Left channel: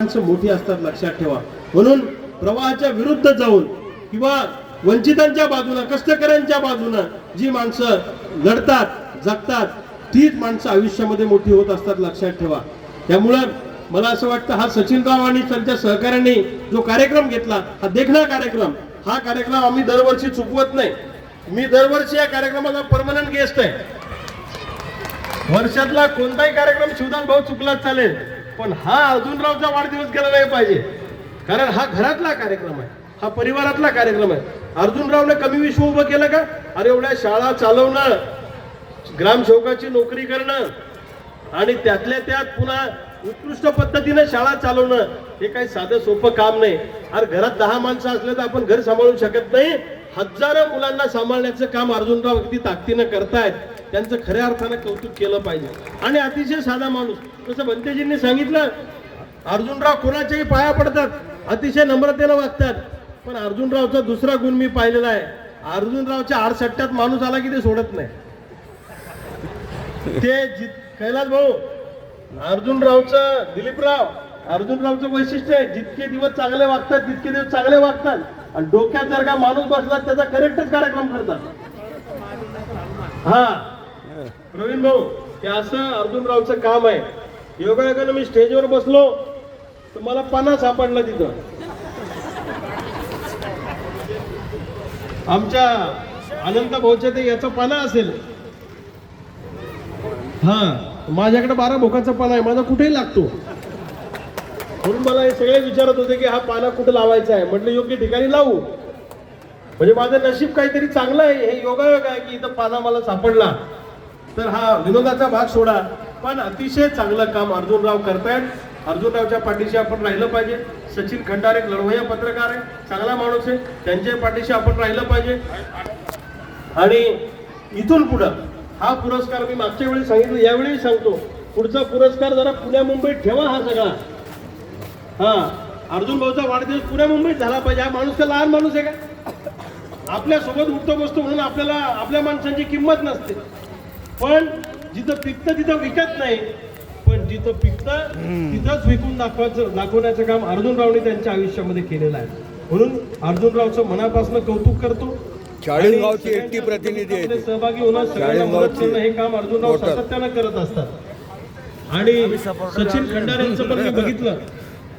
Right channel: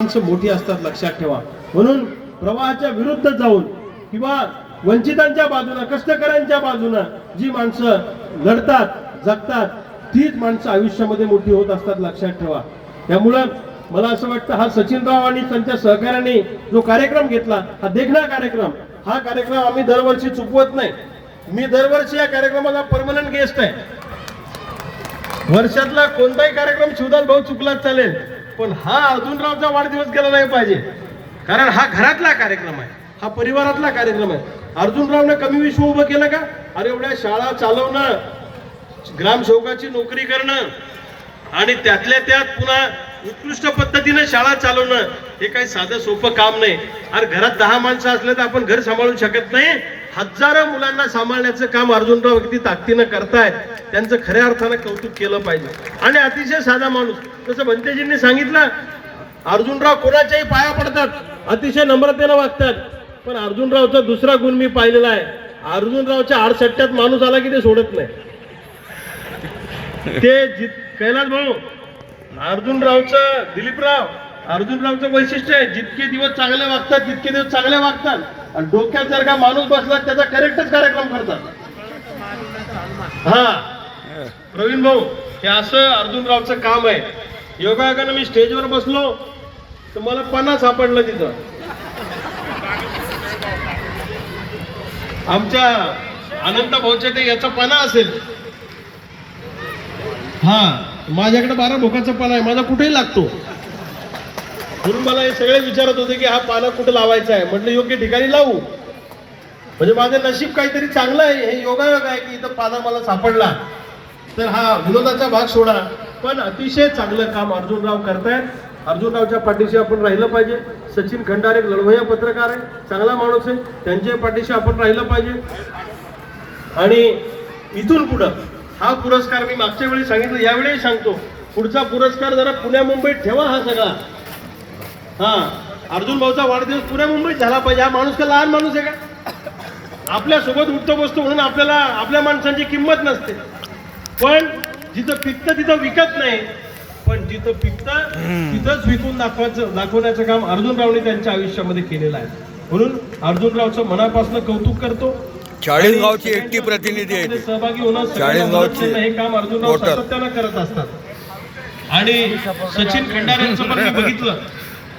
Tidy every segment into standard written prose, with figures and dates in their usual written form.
माणसं मोठी असतात, लक्षात ठेवा. म्हणून प्रवाहाच्या विरुद्ध जाऊन किंवा वंचितांच्या बाजूने, कष्टकऱ्यांच्या बाजूने जी माणसं लढतात, जगतात, तीच माणसं आयुष्यामध्ये मोठी होत असतात, लक्षात ठेवा. त्यामुळे मला असं वाटतं हा सचिनराव आणि त्यांच्या सहकार्याने जो कार्यक्रम घेतला, हा देखणा कार्यक्रम, हा कार्यक्रम आम्ही दरवर्षी चुकवत नाही. मी दरवर्षी या कार्यक्रमाला परमनंट गेस्ट आहे. वर्षातला कोणताही कार्यक्रम शिवदास भाऊ चुकलाच चालेल, पण हा अर्जुनरावचा वाढदिवस गेला नाही पाहिजे. कारण हा घरातला कार्यक्रम आहे, हा परिवारातला कार्यक्रम आहे. अर्जुनरावने कमी विश्व उभं केलं का? अरे एवढ्या शाळा चालवणं, ग्रामसेवकाची नोकरी करणं आणि त्यातल्या त्यात पुन्हा उत्कृष्ट पद्धतीने शाळा चालवणं, हे काही साधं सोपं काम नाही. अरे घरात 10 माणसं असले तर आपण घर सांभाळू शकत नाही. हजारो मुलांना सांभाळण्याचं काम अर्जुनराव किती ताकदीनं करतायत, त्यांचं खऱ्या अर्थानं कौतुक केलं पाहिजे. आणि अतिशय साधा माणूस, जसं भंतेजींनी सांगितलं, अर्जुनराव कोणाच्याही पाया पडतात, अतिशय नम्रतेनं वागतात. पण अर्जुनरावचा दुसरा गुण मी पाहिलेला आहे, अर्जुनरावच्या आडसट्ट्यात माणूस आला की ते सोडत नाही. ते कैलास भाऊ, अर्जुनरावचं, दिलीपराव, अर्जुनरावचं वैशिष्ट्य आहे, जितके दिवस चांगले वागतात तितके दिवस चांगले वागतात. आणि डोक्यात जर का माणूस बसला त्याचा करेक्टच कार्यक्रम करतात. हा प्रवीण भाऊ, हे असं अर्जुनरावचं काम आहे. योगायोगानं मी स्टेजवर बसलो तर मला पाना सापडलं तिथं. आमच्या अनंत भाऊच्या ते याचा पाना असेल. हा माझ्याकडे 12 भोकाचा पाना आहे, माझा कुठेही लागतो. म्हणून मला हे सगळे विचारत होते की हा पाना कुठे लावायचा आहे. म्हटलं योग्य ठिकाणी लावू, म्हणजे माझं नशीब काहीतरी चांगलं आहे. हे योगायोग आहे की इथं पाना मला सापडला. तर हा विनोदाचा भाग सोडा, पण अतिशय चांगलं काम अर्जुनराव करतायत. अर्जुनरावच्या पाठीशी आपण राहिलं पाहिजे. सचिन खंडारे लढवय्या पत्रकार आहे, चांगला माणूस आहे, त्यांच्या पाठीशी आपण राहिलं पाहिजे. आणि इथून पुढं हा पुरस्कार मी मागच्या वेळी सांगितलं, यावेळी सांगतो, पुढचा पुरस्कार जरा पुण्या मुंबईत ठेवा. हा सगळा हा अर्जुन भाऊचा वाढदिवस पुण्या मुंबईत झाला पाहिजे. हा माणूस का लहान माणूस आहे का? आपल्या सोबत उठतो बसतो म्हणून आपल्याला आपल्या माणसांची किंमत नसते. पण जिथं पिकतं तिथं विकत नाही, पण जिथं पिकतं तिथंच विकून दाखवण्याचं काम अर्जुनरावने त्यांच्या आयुष्यामध्ये केलेलं आहे. म्हणून अर्जुनरावचं मनापासून कौतुक करतो. चाळीसगावची एकटी प्रतिनिधी आहे, सहभागी होणं हे काम अर्जुनराव सातत्यानं करत असतात. आणि सचिन खंडारे यांचं पण मी बघितलं,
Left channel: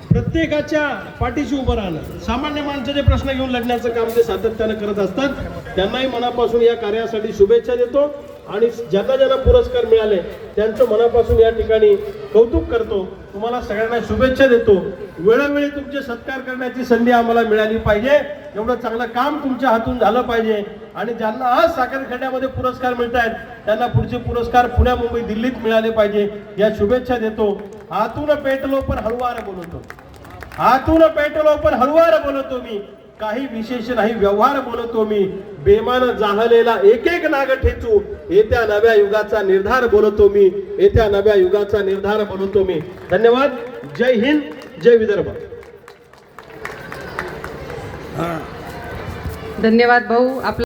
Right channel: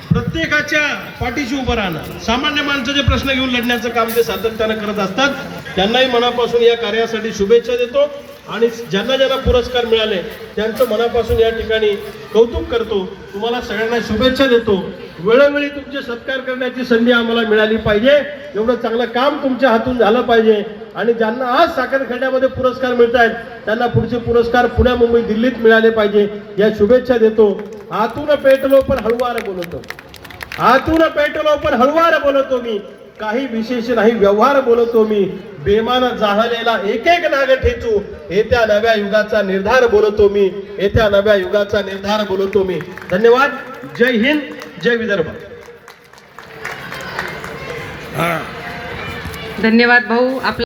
प्रत्येकाच्या पाठीशी उभं राहणं, सामान्य माणसाचे प्रश्न घेऊन लढण्याचं काम ते सातत्यानं करत असतात. त्यांनाही मनापासून या कार्यासाठी शुभेच्छा देतो. आणि ज्यांना ज्यांना पुरस्कार मिळाले त्यांचं मनापासून या ठिकाणी कौतुक करतो. तुम्हाला सगळ्यांना शुभेच्छा देतो. वेळोवेळी तुमचे सत्कार करण्याची संधी आम्हाला मिळाली पाहिजे. एवढं चांगलं काम तुमच्या हातून झालं पाहिजे. आणि ज्यांना आज साखरखड्यामध्ये पुरस्कार मिळत आहेत त्यांना पुढचे पुरस्कार पुण्या मुंबई दिल्लीत मिळाले पाहिजे, या शुभेच्छा देतो. आतून पेटलो पण हळुवार बोलतो, आतून पेटलो पण हळुवार बोलतो मी, काही विशेष नाही व्यवहार बोलतो मी, बेमान जाहलेला एक एक नाग ठेचू, येत्या नव्या युगाचा निर्धार बोलतो मी, येत्या नव्या युगाचा निर्धार बोलतो मी. धन्यवाद. जय हिंद, जय विदर्भ. धन्यवाद भाऊ.